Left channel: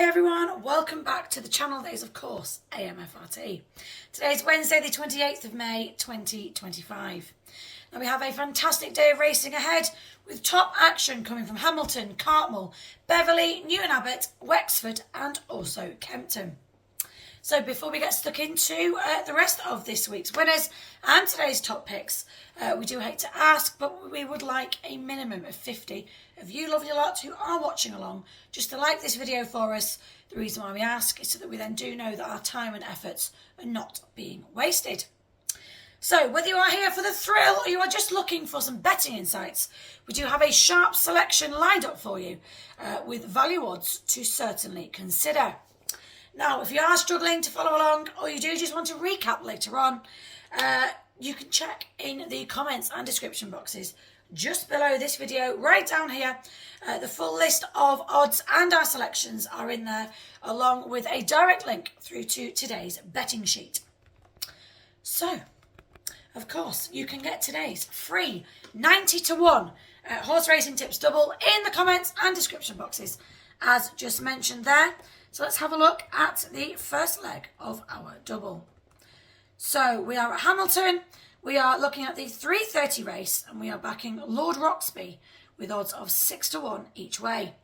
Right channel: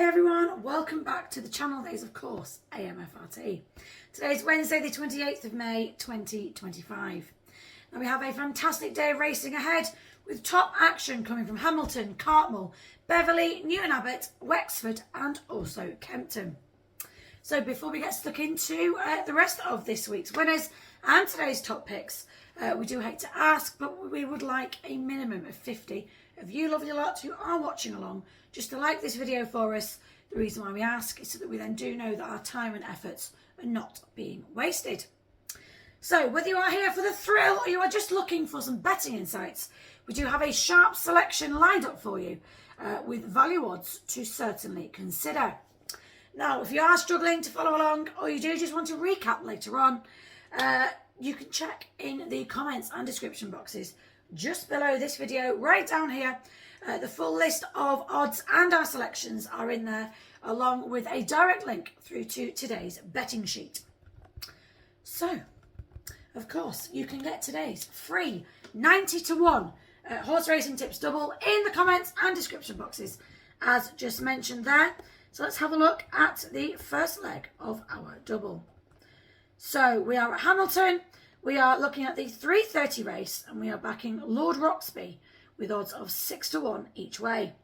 Hi everyone, welcome back to the channel that is of course AMFRT. Today is Wednesday the 28th of May 2025. Now we have a fantastic day of racing ahead with top action coming from Hamilton, Cartmel, Beverley, Newton Abbot, Wexford and also Kempton. So before we get stuck into the rest of this week's winners and today's top picks, we do hate to ask, but we would like a minimum of 50 of you lovely lot who are watching along just to like this video for us. The reason why we ask is so that we then do know that our time and efforts are not being wasted. So whether you are here for the thrill or you are just looking for some betting insights, we do have a sharp selection lined up for you with value odds to certainly consider. Now, if you are struggling to follow along or you do just want to recap later on, you can check in the comments and description boxes just below this video, right down here. The full list of odds and our selections are in there, along with a direct link through to today's betting sheet. So, of course, you can get today's free 90 to 1 horse racing tips double in the comments and description boxes, as just mentioned there. So let's have a look at the first leg of our double. So we are at Hamilton. We are looking at the 3:30 race and we are backing Lord Roxby with odds of 6 to 1 each way.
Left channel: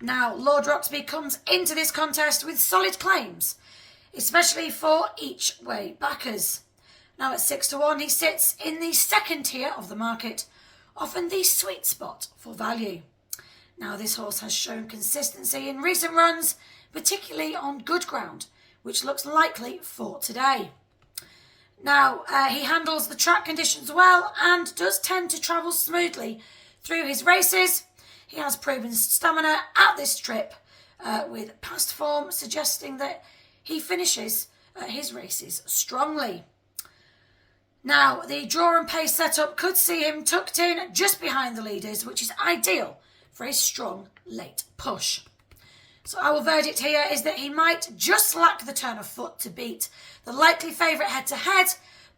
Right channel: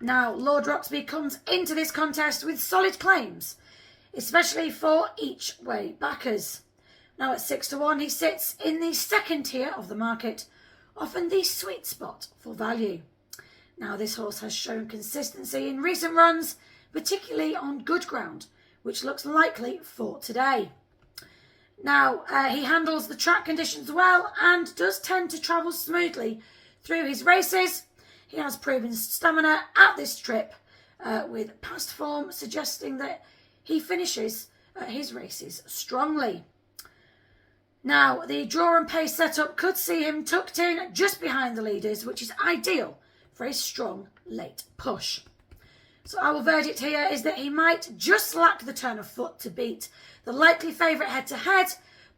Now, Lord Roxby comes into this contest with solid claims, especially for each way backers. Now at 6 to 1, he sits in the second tier of the market, often the sweet spot for value. Now, this horse has shown consistency in recent runs, particularly on good ground, which looks likely for today. Now, he handles the track conditions well and does tend to travel smoothly through his races. He has proven stamina at this trip, with past form suggesting that he finishes his races strongly. Now, the draw and pace setup could see him tucked in just behind the leaders, which is ideal for a strong late push. So our verdict here is that he might just lack the turn of foot to beat the likely favourite head-to-head,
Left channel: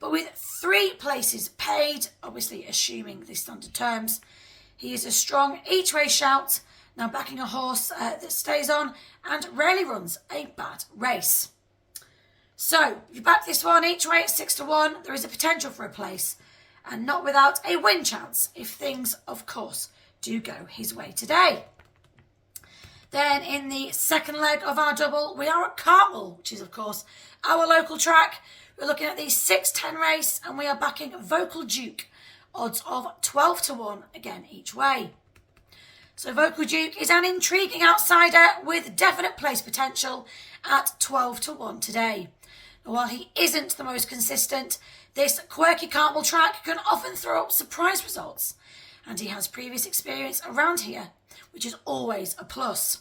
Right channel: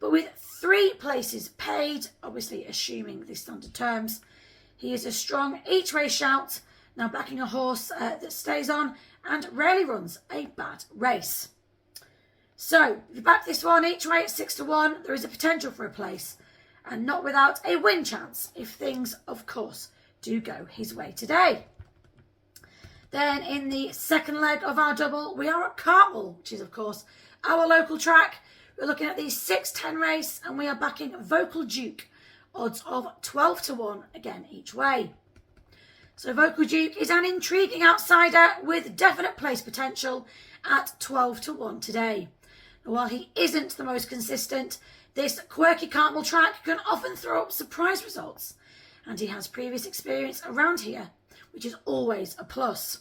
but with 3 places paid, obviously assuming the standard terms, he is a strong each-way shout, now backing a horse that stays on and rarely runs a bad race. So, you back this one each way at 6 to 1, there is a potential for a place, and not without a win chance if things, of course, do go his way today. Then in the second leg of our double, we are at Cartmel, which is, of course, our local track. We're looking at the 6:10 race and we are backing Vocal Duke, odds of 12 to 1 again each way. So Vocal Duke is an intriguing outsider with definite place potential at 12 to 1 today. And while he isn't the most consistent, this quirky Cartmel track can often throw up surprise results, and he has previous experience around here, which is always a plus.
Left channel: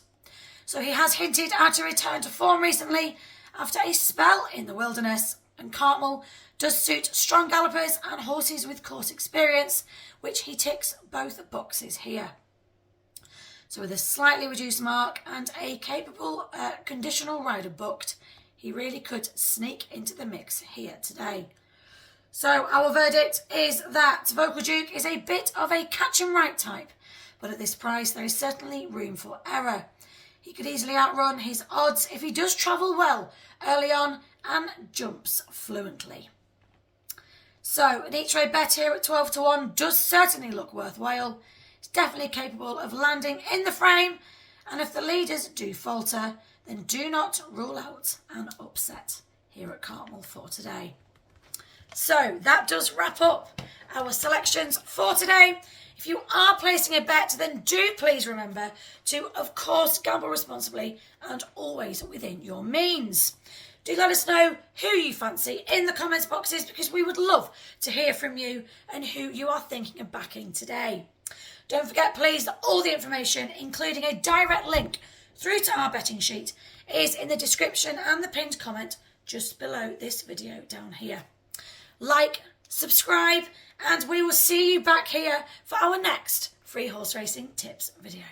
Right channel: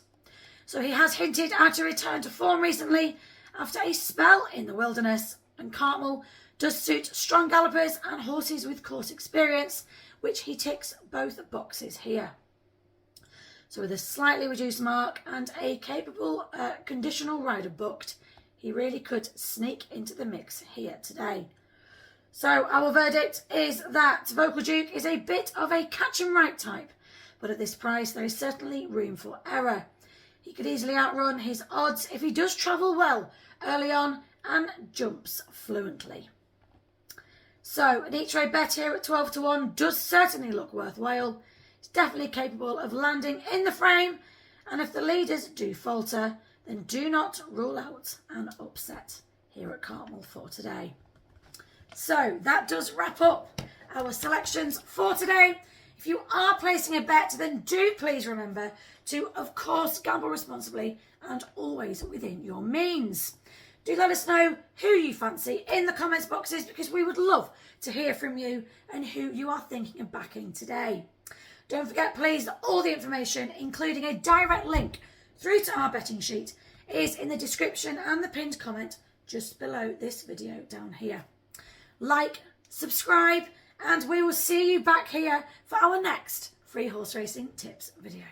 So he has hinted at a return to form recently after a spell in the wilderness, and Cartmel does suit strong gallopers and horses with course experience, which he ticks both boxes here. So with a slightly reduced mark and a capable conditional rider booked, he really could sneak into the mix here today. So our verdict is that Vocal Duke is a bit of a catch and right type, but at this price there is certainly room for error. He could easily outrun his odds if he does travel well early on and jumps fluently. So an each way bet here at 12 to 1 does certainly look worthwhile. It's definitely capable of landing in the frame, and if the leaders do falter, then do not rule out an upset here at Cartmel for today. So that does wrap up our selections for today. If you are placing a bet, then do please remember to, of course, gamble responsibly and always within your means. Do let us know who you fancy in the comments boxes, because we would love to hear from you and who you are thinking of backing today. Don't forget, please, that all the information, including a direct link through to our betting sheet, is in the description and the pinned comment just below this video down here. Like, subscribe, and we will see you back here for our next free horse racing tips video.